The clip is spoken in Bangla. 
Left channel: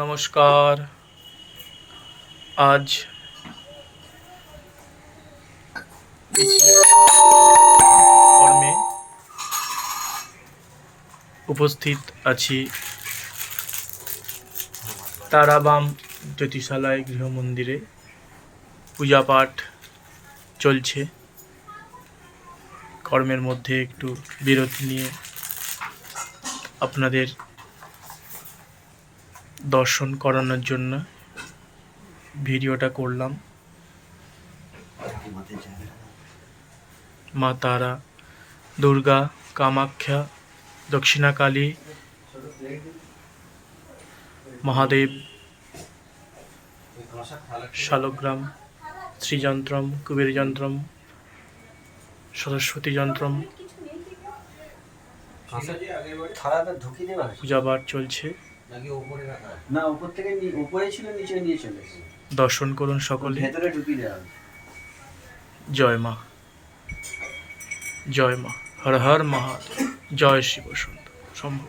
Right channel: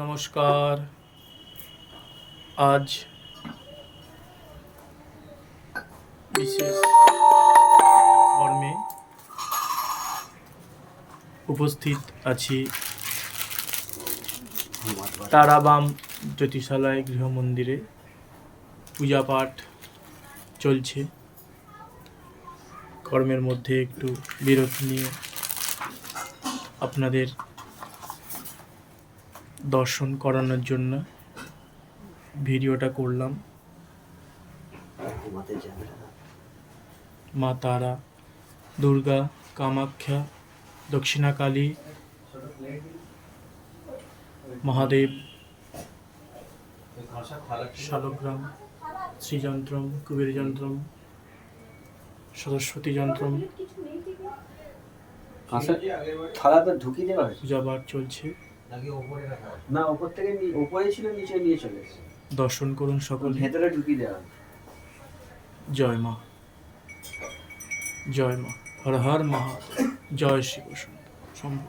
নমস্কার। আজ বিশেষ কর্মে উপস্থিত আছি তারাবাম জ্যোতিষালয় গৃহমন্দিরে। পূজা পাঠ চলছে। কর্মের মধ্যে একটু বিরতি নিয়ে আপনাদের দর্শন করানোর জন্য ভিডিওটা করলাম। মা তারা, দুর্গা, কামাখ্যা, দক্ষিণাকালী, মহাদেব, শালগ্রাম, শ্রীযন্ত্রম, কুবের যন্ত্রম, সরস্বতী যন্ত্রম পূজা পাঠ চলছে। দর্শন করুন সকলে। জয় মা, জয় মা, হর হর মহাদেব, জয় শিব শম্ভু।